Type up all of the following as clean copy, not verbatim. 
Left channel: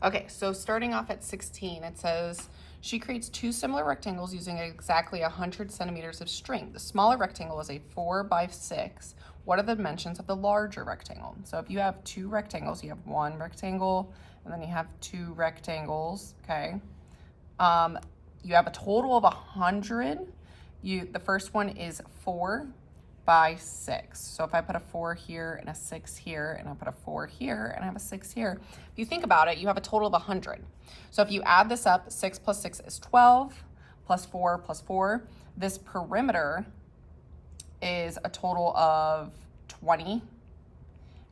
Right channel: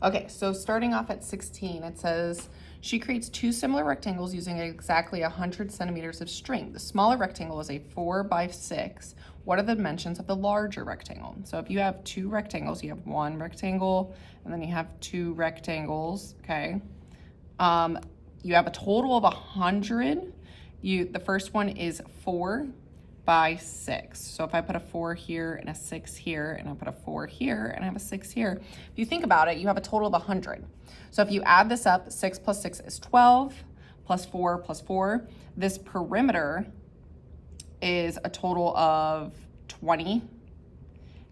Okay, so starting off at 16, it says, she creates two similar rectangles using exactly 100 centimeters of string. The smaller rectangle is a 4 by 6. What are the dimensions of the larger rectangle? So if you have two rectangles, you have one rectangle, and then you have two rectangles, okay? You have a total of 100. The first one is 4 by 6. So if I put a 4 here and a 6 here, and I put a 4 here and I have a 6 here, if you think about it, you have a total of 100. So if you add this up, 6 plus 6 is 12, plus 4 plus 4. This perimeter is a total of 20.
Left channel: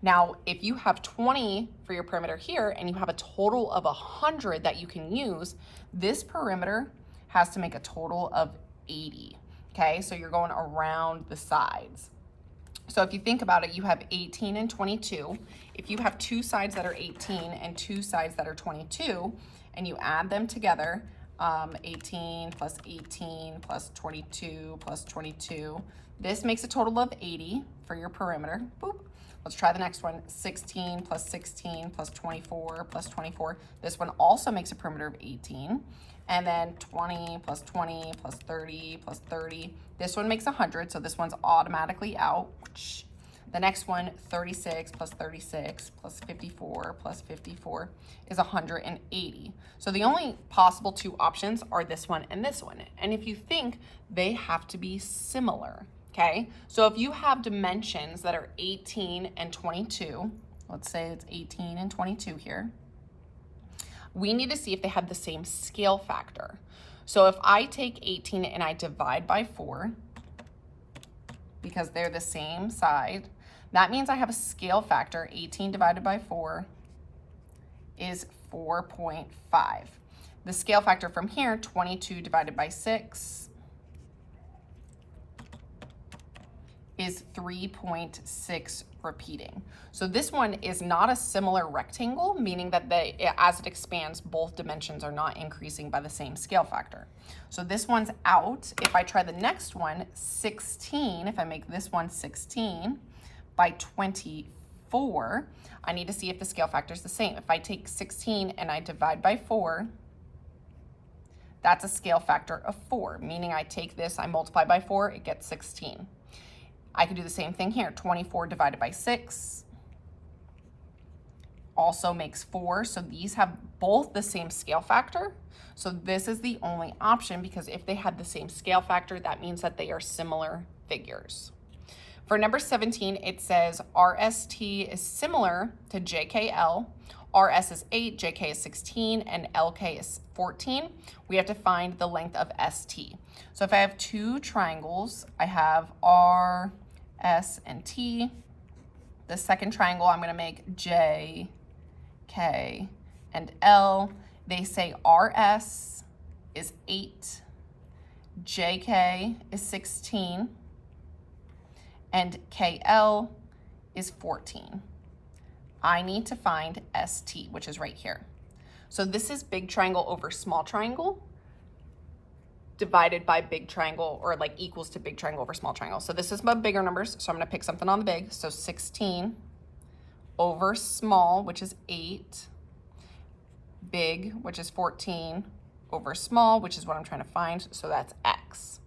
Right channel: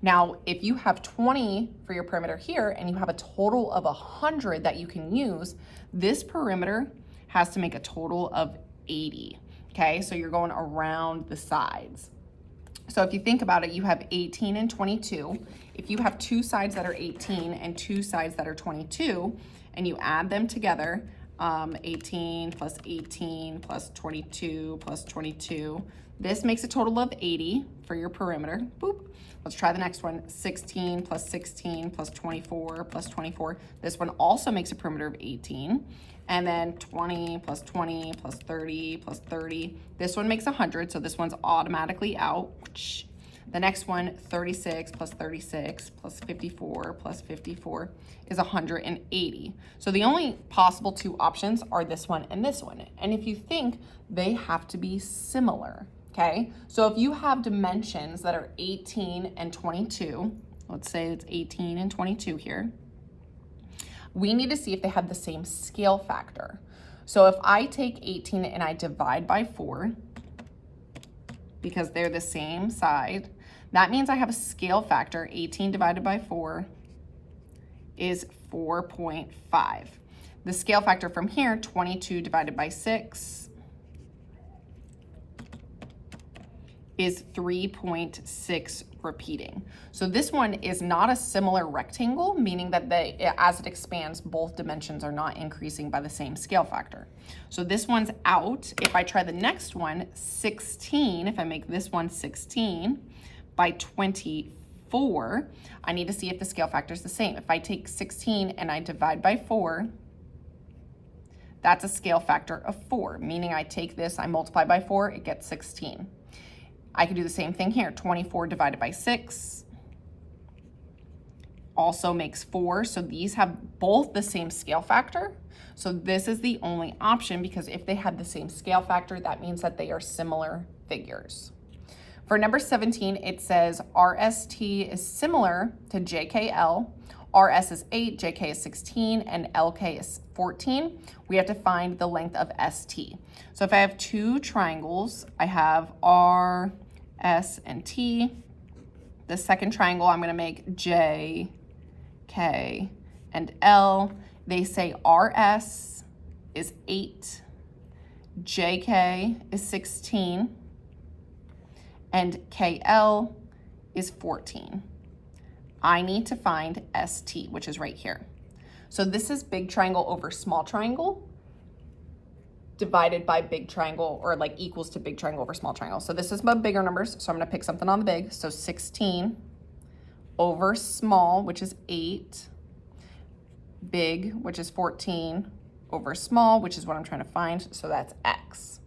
Now, if you have 20 for your perimeter here and you have a total of 100 that you can use, this perimeter has to make a total of 80. Okay, so you're going around the sides. So if you think about it, you have 18 and 22. If you have two sides that are 18 and two sides that are 22, and you add them together, 18 plus 18 plus 22 plus 22, this makes a total of 80 for your perimeter. Boop. Let's try the next one, 16 plus 16 plus 24 plus 24. This one also makes a perimeter of 18. And then 20 plus 20 plus 30 plus 30. This one makes 100, so this one's automatically out. The next one, 36 plus 36 plus 54 plus 54 is 180. So the only possible two options are this one and this one. And if you think, they have to be similar, okay? So if you have dimensions that are 18 and 22, let's say it's 18 and 22 here, we need to see if they have the same scale factor. So if I take 18 and I divide by 4, because they're the same side, that means I have a scale factor. 18 divided by 4 is 4.5. The scale factor from here, 22 divided by 6, is 3.6 repeating. So this one is not a similar rectangle, meaning that as it expands, both dimensions are not increasing by the same scale factor. So this one's out. If I try the next one, 16, if I make this one 16 by 24, I need to see if the scale factor is the same. If I take 16 and I divide by 4, that's a scale factor of 4, meaning I take this, I multiply by 4, it gets 16. I can do the same thing here. 24 divided by 6 also makes 4. So these have both the same scale factor. So this is the only option, because if they have the same scale factor, that means that they are similar figures. For number 17, it says RST is similar to JKL. RS is 8, JK is 16, and LK is 14. We have to find the length of ST. So if I have two triangles, I have R, S, and T. The second triangle, I'm going to make J, K, and L. They say RS is 8, JK is 16, and KL is 14. I need to find ST, which is right here. So this is big triangle over small triangle divided by big triangle, or like equals to big triangle over small triangle. So this is my bigger numbers, so I'm gonna pick something on the big. So 16 over small, which is 8, big, which is 14, over small, which is what I'm trying to find, so that's X.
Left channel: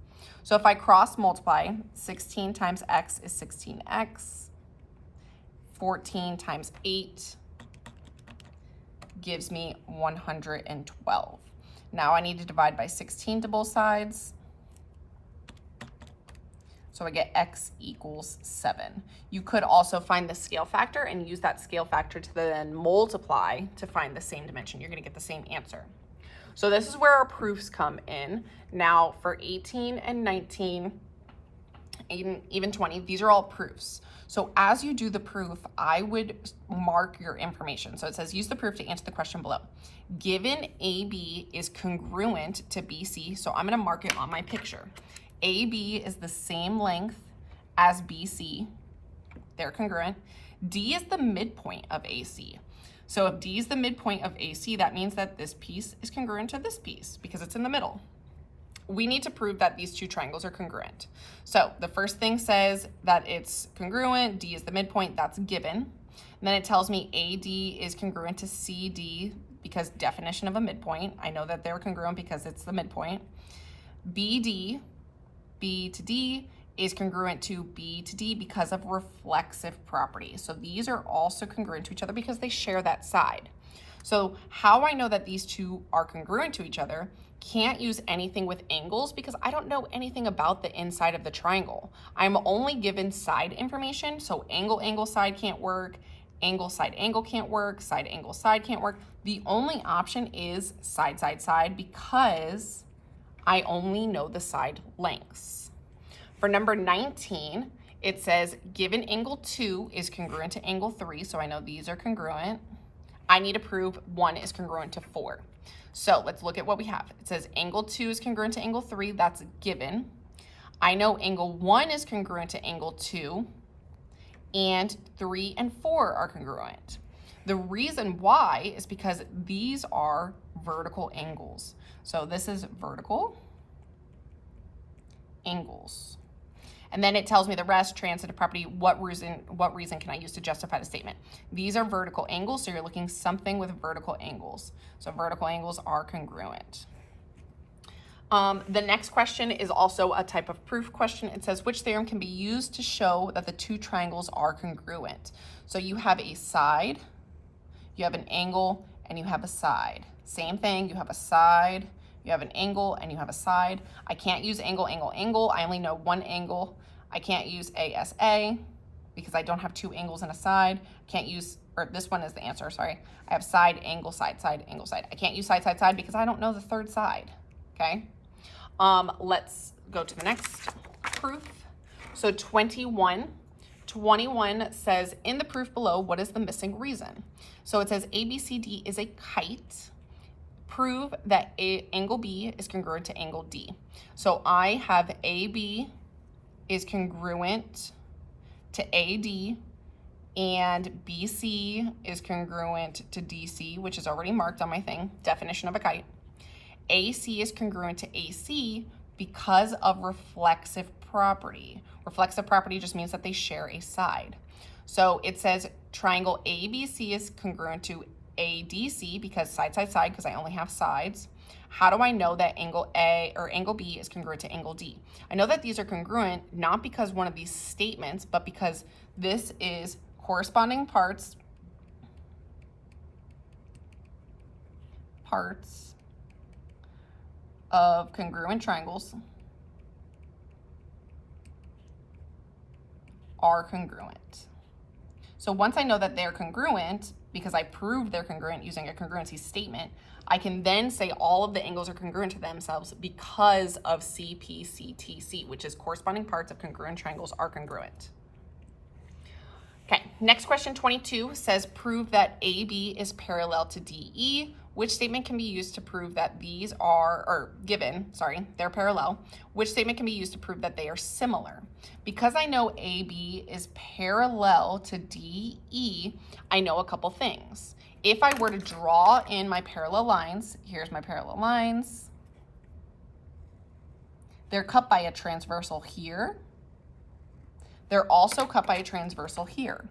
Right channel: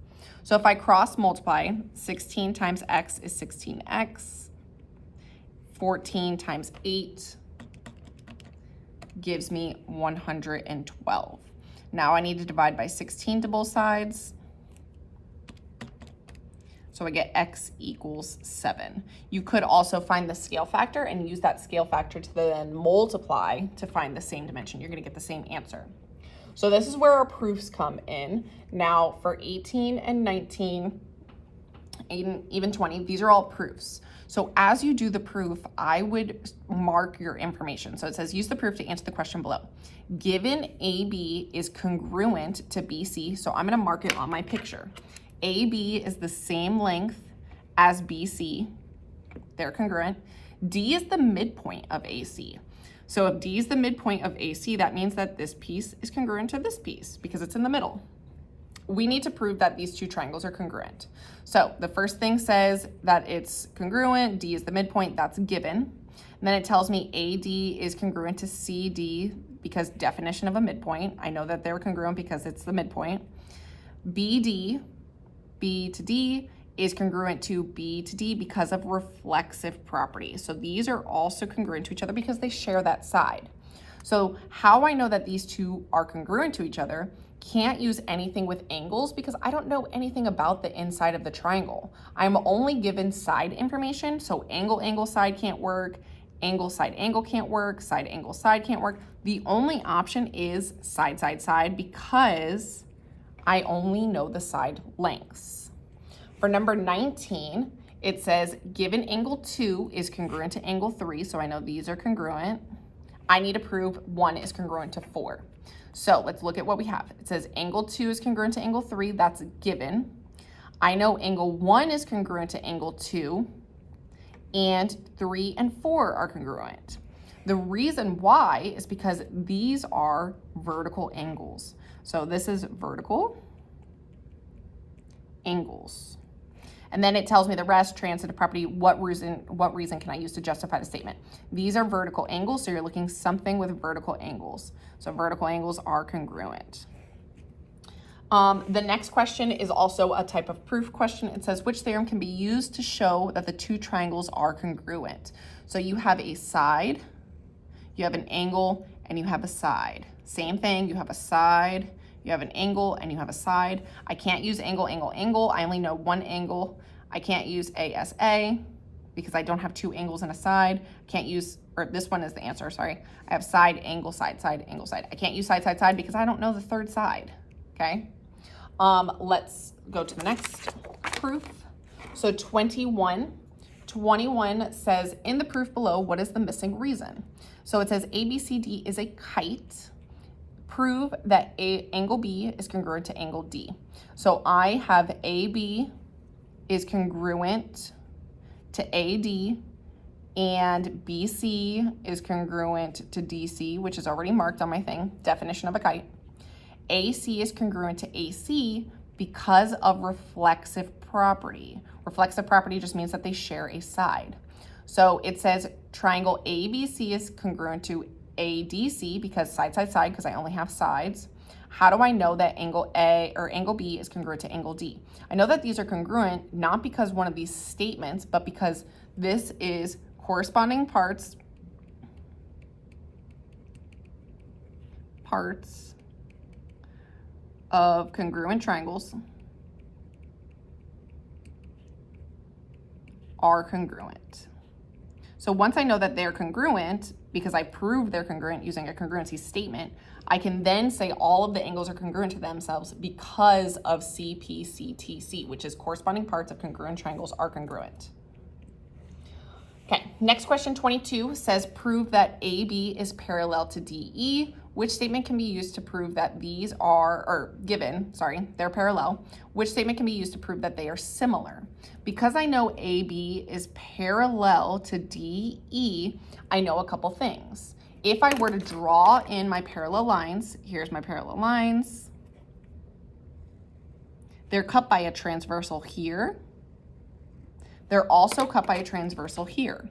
So if I cross multiply, 16 times X is 16X, 14 times 8 gives me 112. Now I need to divide by 16 to both sides. So I get X equals 7. You could also find the scale factor and use that scale factor to then multiply to find the same dimension. You're gonna get the same answer. So this is where our proofs come in. Now for 18 and 19, even 20, these are all proofs. So as you do the proof, I would mark your information. So it says, use the proof to answer the question below. Given AB is congruent to BC, so I'm gonna mark it on my picture. AB is the same length as BC, they're congruent. D is the midpoint of AC. So if D is the midpoint of AC, that means that this piece is congruent to this piece because it's in the middle. We need to prove that these two triangles are congruent. So the first thing says that it's congruent, D is the midpoint, that's given. And then it tells me AD is congruent to CD because definition of a midpoint. I know that they're congruent because it's the midpoint. BD, B to D, is congruent to B to D because of reflexive property. So these are also congruent to each other because they share that side. So how I know that these two are congruent to each other, can't use anything with angles because I don't know anything about the inside of the triangle. I'm only given side information, so angle, angle, side can't work, angle, side, angle can't work, side, angle, side can't work. The only option is side, side, side because I only know the side lengths. For number 19, it says given angle 2 is congruent to angle 3, so I know these are congruent. I need to prove 1 is congruent to 4. So let's look at what we have. It says angle 2 is congruent to angle 3, that's given. I know angle 1 is congruent to angle 2, and 3 and 4 are congruent. The reason why is because these are vertical angles. So this is vertical angles. And then it tells me the rest, transitive property, what reason can I use to justify the statement? These are vertical angles, so you're looking something with vertical angles. So vertical angles are congruent. The next question is also a type of proof question. It says, which theorem can be used to show that the two triangles are congruent? So you have a side, you have an angle, and you have a side. Same thing, you have a side, you have an angle, and you have a side. I can't use angle, angle, angle. I only know one angle. I can't use ASA because I don't have two angles and a side. Can't use, or this one is the answer, sorry. I have side, angle, side, side, angle, side. I can't use side, side, side because I don't know the third side, okay? Let's go to the next proof. So 21 says, in the proof below, what is the missing reason? So it says ABCD is a kite. Prove that angle B is congruent to angle D. So I have AB is congruent to AD and BC is congruent to DC, which is already marked on my thing, definition of a kite. AC is congruent to AC because of reflexive property. Reflexive property just means that they share a side. So it says triangle ABC is congruent to ADC because side, side, side, because I only have sides. How do I know that angle A or angle B is congruent to angle D? I know that these are congruent not because one of these statements, but because this is corresponding parts of congruent triangles are congruent. So once I know that they're congruent, because I proved they're congruent using a congruency statement, I can then say all of the angles are congruent to themselves because of CPCTC, which is corresponding parts of congruent triangles are congruent. Okay, next question 22 says prove that AB is parallel to DE. Which statement can be used to prove that these are, or given, sorry, they're parallel. Which statement can be used to prove that they are similar? Because I know AB is parallel to DE, I know a couple things. If I were to draw in my parallel lines, here's my parallel lines. They're cut by a transversal here. They're also cut by a transversal here.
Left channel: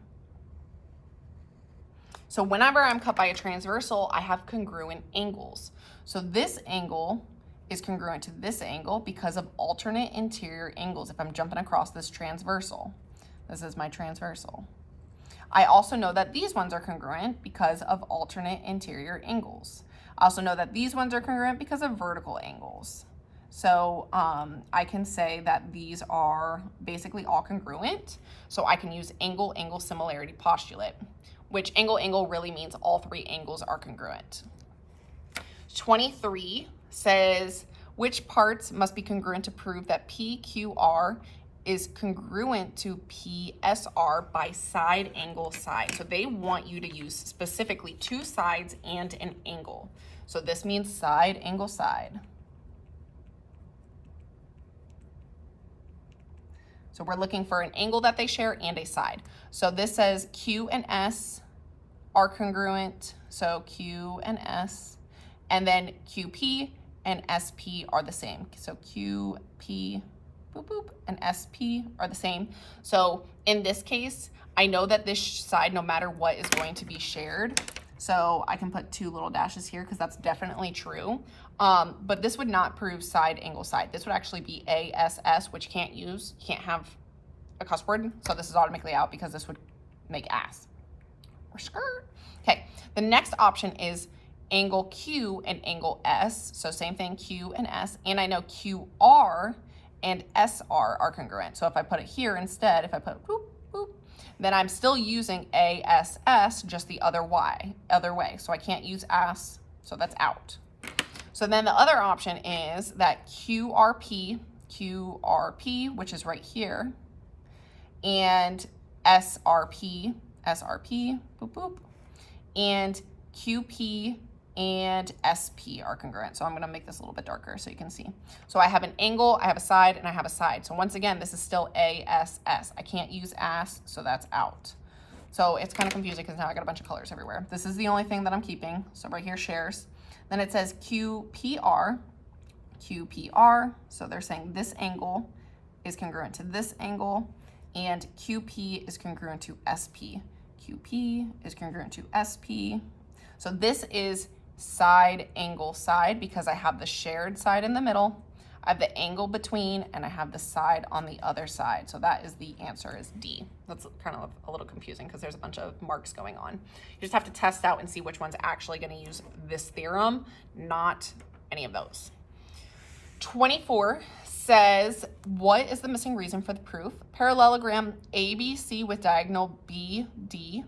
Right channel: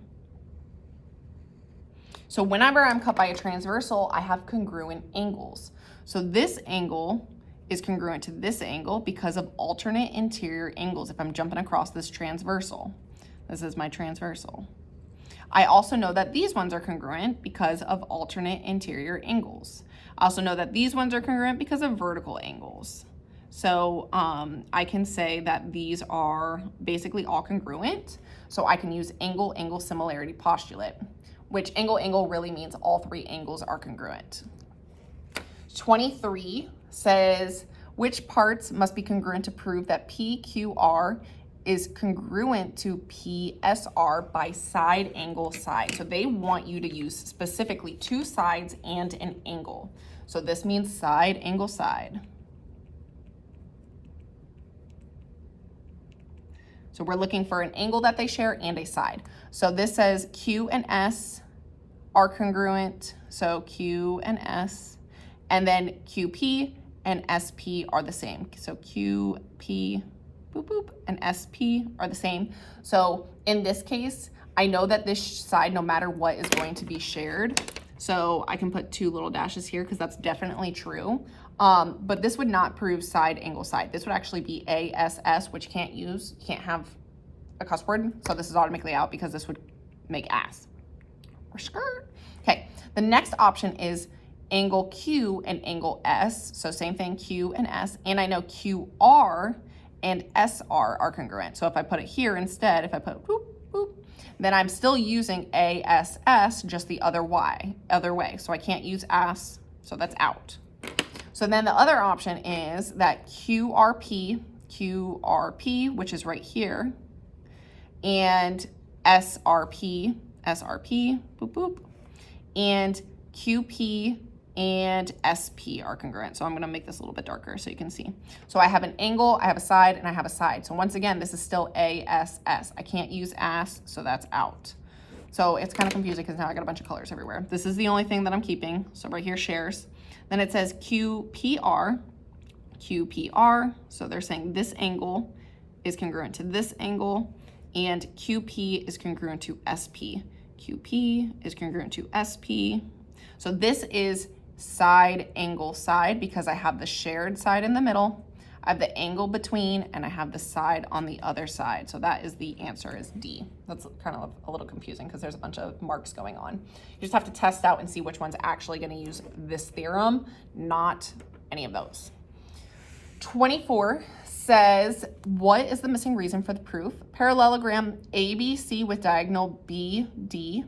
So whenever I'm cut by a transversal, I have congruent angles. So this angle is congruent to this angle because of alternate interior angles if I'm jumping across this transversal. This is my transversal. I also know that these ones are congruent because of alternate interior angles. I also know that these ones are congruent because of vertical angles. So I can say that these are basically all congruent. So I can use angle-angle similarity postulate, which angle-angle really means all three angles are congruent. 23 says, which parts must be congruent to prove that PQR is congruent to PSR by side, angle, side. So they want you to use specifically two sides and an angle. So this means side, angle, side. So we're looking for an angle that they share and a side. So this says Q and S are congruent. So Q and S, and then QP and SP are the same. So QP, boop, boop, and SP are the same. So in this case, I know that this side, no matter what, is going to be shared. So I can put 2 little dashes here because that's definitely true. But this would not prove side, angle, side. This would actually be ASS, which you can't use. You can't have a cuss word. So this is automatically out because this would make ass or skirt. Okay, the next option is angle Q and angle S. So same thing, Q and S. And I know QR and SR are congruent. So if I put it here instead, if I put boop, boop, then I'm still using ASS, just the other way. So I can't use ass, so that's out. So then the other option is that QRP, which is right here, and SRP, boop, boop, and QP and SP are congruent. So I'm gonna make this a little bit darker so you can see. So I have an angle, I have a side, and I have a side. So once again, this is still ASS. I can't use ass, so that's out. So it's kind of confusing because now I got a bunch of colors everywhere. This is the only thing that I'm keeping. So right here, shares. Then it says QPR, so they're saying this angle is congruent to this angle, and QP is congruent to SP. QP is congruent to SP. So this is side, angle, side, because I have the shared side in the middle, I have the angle between, and I have the side on the other side. So that is the answer, is D. That's kind of a little confusing because there's a bunch of marks going on. You just have to test out and see which one's actually going to use this theorem, not any of those. 24 says, what is the missing reason for the proof? Parallelogram ABC with diagonal BD